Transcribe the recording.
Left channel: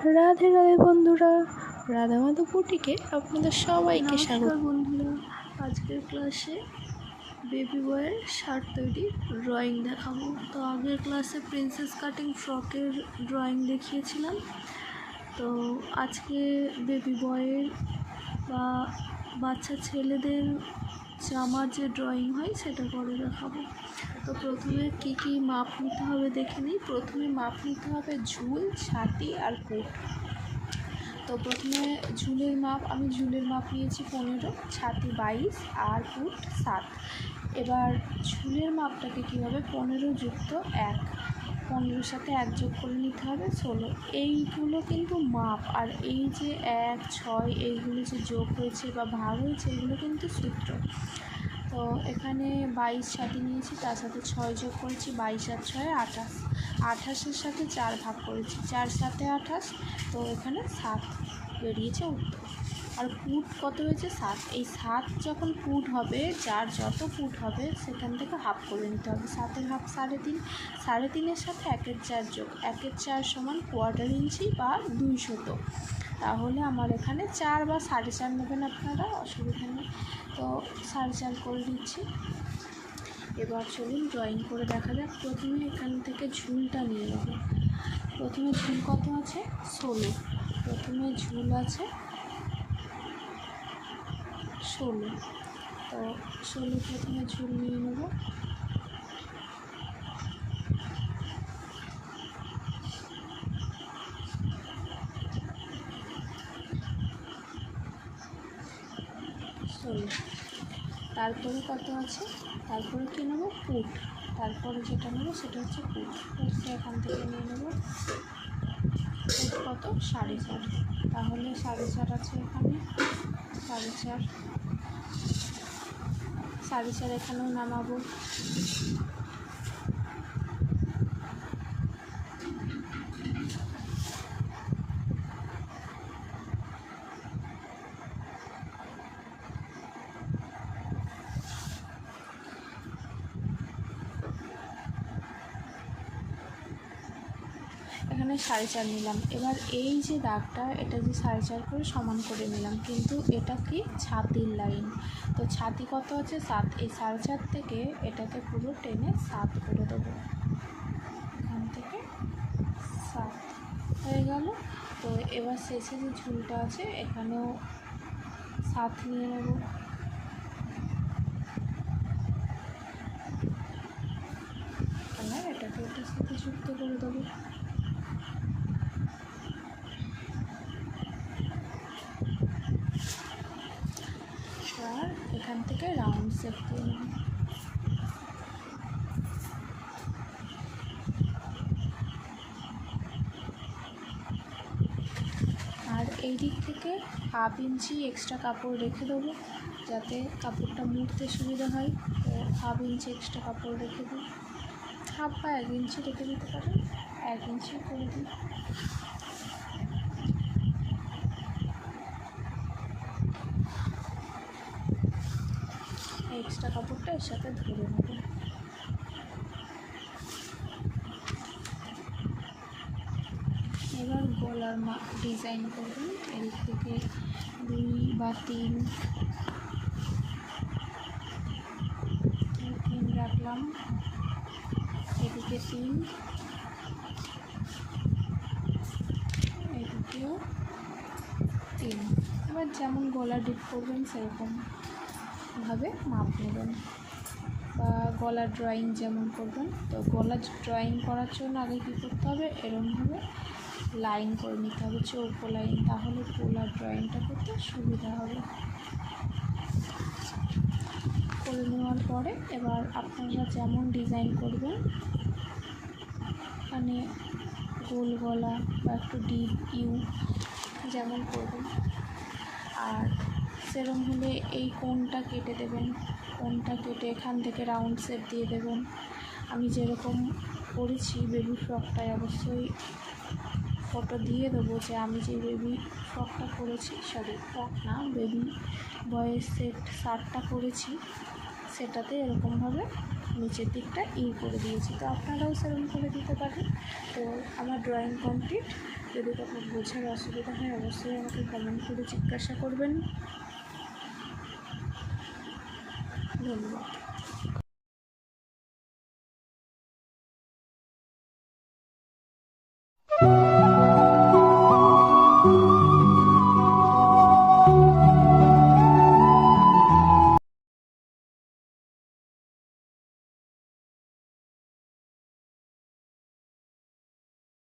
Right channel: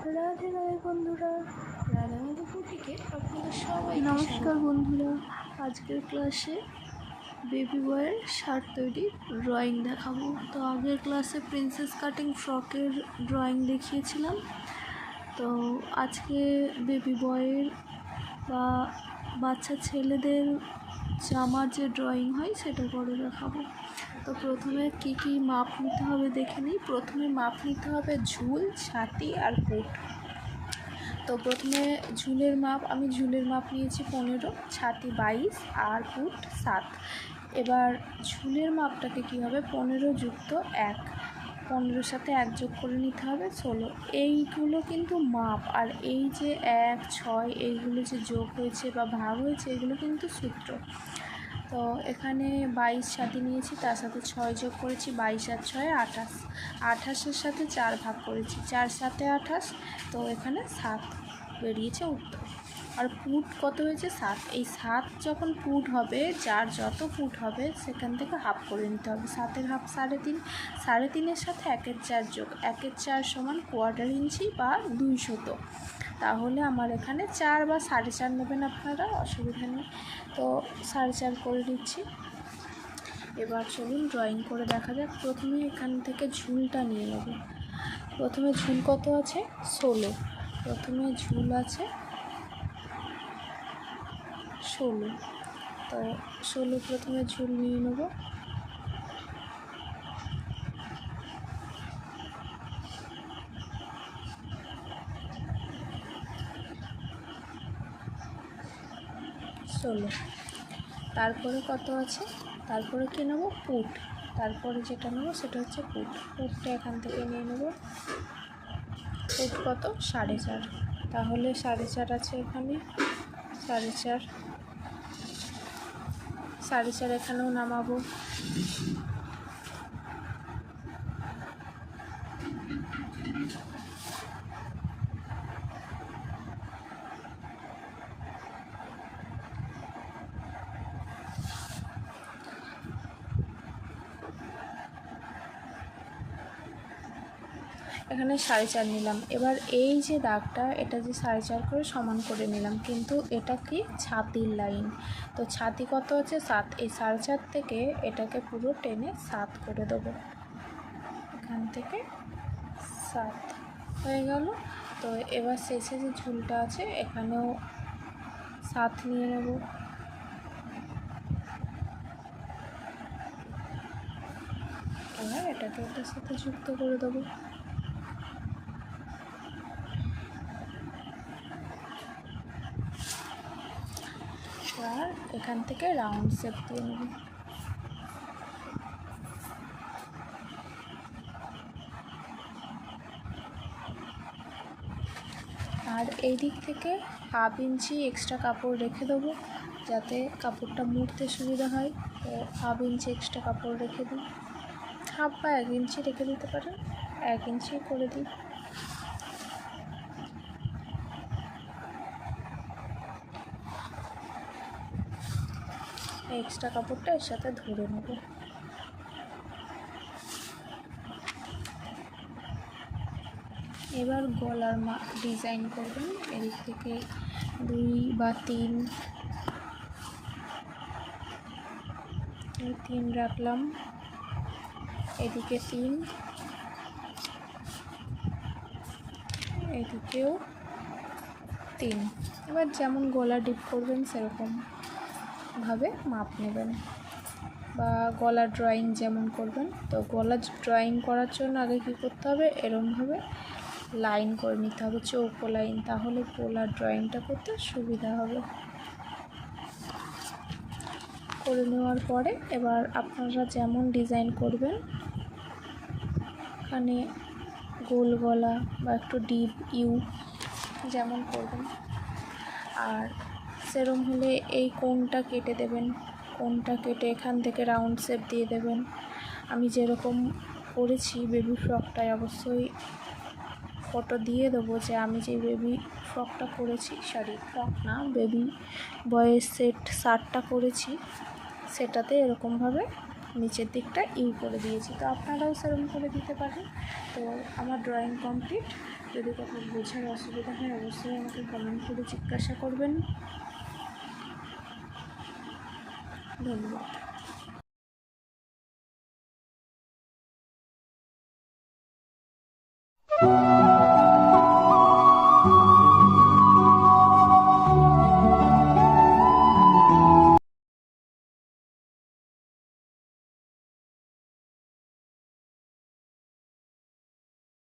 রাধে রাধে বন্ধুরা, রাধা মাধব বুটিকে আপনাদের সবাইকে স্বাগত। বন্ধুরা, আজকের ক্লাসে বেবি বয়ের শার্ট তৈরির ড্রয়িং দেখাবো। তো আগের ক্লাসে প্রিন্সেস কাটিং ফ্রকের ড্রয়িং দেখিয়েছিলাম। তো আজকে বেবি বয়ের বা বাচ্চা ছেলেদের জামার যে ড্রয়িং হয় সেটা করে দেখাবো। তো প্রথমে কী কী মাপ নিতে হবে দেখে নিই। প্রথমে মাপ নিতে হবে ঝুল, ছাতি আর পুট। তো প্রথমে ঝুলের মাপ, আমি ঝুলের মাপ নিয়েছি 15, ছাতি 22 আর পুট 7। এবার ঝুলের মাপটাকে কী হবে, 15 যুক্ত 1, 15-এর সাথে 1 যোগ করে নিতে হবে 16। এইগুলো কিন্তু মাপ, আর এই যে 1, 6 এইগুলো যে যোগ হয়েছে বা ভাগ হয়েছে এগুলো কিন্তু সূত্র। তো এখানে 22 ছাতি নিয়েছি, তার সাথে 6 যোগ করেছি, 22 আর 6 28, 28-এর সাথে 4 ভাগ করেছি, 4 7 28, তো এখানে 7 বেরিয়েছে উত্তর। আর পুট কত হয়েছে 7। এই 7 যখন পুট হবে, যার যত পুট হবে সেখান থেকে হাফ করে নিতে হবে। 7-এর হাফ 3.5, 3.5-এর সাথে 1-এর 4 যোগ, 1-এর 4 সমান 1/4 ইঞ্চি বা 200। তাহলে আমার এখানে 4 বা 4.5 নেবেন আপনারা, অসুবিধা নেই। তো 4.5 করে দিচ্ছি। এবার চলুন ড্রয়িং করে দেখা যাক। প্রথমে এখান থেকে ঝুলটা নিয়ে নেব। প্রথমে ঝুল কত আছে 16, প্রথমে ঝুল আছে 16। তো 16 প্রথমে ঝুল নিয়ে নেব। তারপরে কত আছে, তারপরে কী নেব, পুট। তারপরে যেটা নেব সেটা হচ্ছে পুট। পুটটা এখান থেকে নিয়ে নেব। পুট কত 4.5, তাহলে 4.5 আছে এখানে, 4.5 এখানেও নামাবো। এখানে 4.5 নিলাম। এবার এই যে দাগটা, এটা যে 4.5 করে সমান করে নিলাম, কিন্তু এটা কি ছাতির লাইন। তো ছাতি কত আছে 7, এই 4.5 থেকে এটাকে পুরো টেনে 7 করে দেবো। এখান থেকে 7 হয়ে গেল। তো এবার শেষে যে ঝুলটা আছে এখানেও 7 নিয়ে নেব। এবার এটাকে ওটার সাথে যুক্ত করে দেবো। আর এখান থেকে রাউন্ড শেপ দিয়ে নেব। আর এই দিক থেকে 1/2 ইঞ্চি এক্সট্রা কাপড় রেখে দেবো, যাতে কাপড়টা মুড়তে সুবিধা হয়। তো 1/2 ইঞ্চি এক্সট্রা কাপড় রেখে দিই, 1/2 বা 1 ইঞ্চি রেখে দিতে পারেন, 1 ইঞ্চি করে দিই। এক্সট্রা কাপড়টা এর সাথে ধরে নেব। এবার গলার ডিজাইন করবেন। এদিক থেকে 2 বা 3 রাখলাম, এদিকে 3, এদিকেও 3। এবার যেমন গলা ডিপ করবেন সেরকমভাবে মাপ নেবেন, বা গলা ড্রয়িং যেমন করবেন। তো গলা ড্রয়িং করার জন্য আগে কী করতে হবে, এরকমভাবে লাইন করে নিতে হবে, চৌকো লাইন, তাহলে গলার ড্রয়িংটা করতে সুবিধা হবে। করে নেওয়ার পরে এবার আপনারা যেমন ডিজাইন করবেন, এখানে গোল গলা বা একটু ডিপ ইউ যেমন করবেন, আর সেরকম হলে এই কোণটা কেটে দেবেন। কোণটা কেটে এখান থেকে রাউন্ড শেপ দিয়ে দেবেন। আমি যেরকম করেছি বেবি ফ্রকটায়, অবশ্যই ফটো দিয়ে দেবো যে আমি যে বেবি ফ্রকটা করেছি, সরি ফ্রক না, বেবি বয়ের শার্টটা করেছি, সেটাতে এরকমভাবে নিচের দিকটা করে দিয়েছি। তো আপনারাও সেরকম করে দিতে পারেন। তো আমার ড্রয়িং কমপ্লিট। যদি কোথাও বোঝার অসুবিধা হয় অবশ্যই আমাকে কমেন্ট করে জিজ্ঞাসা করবেন। ধন্যবাদ।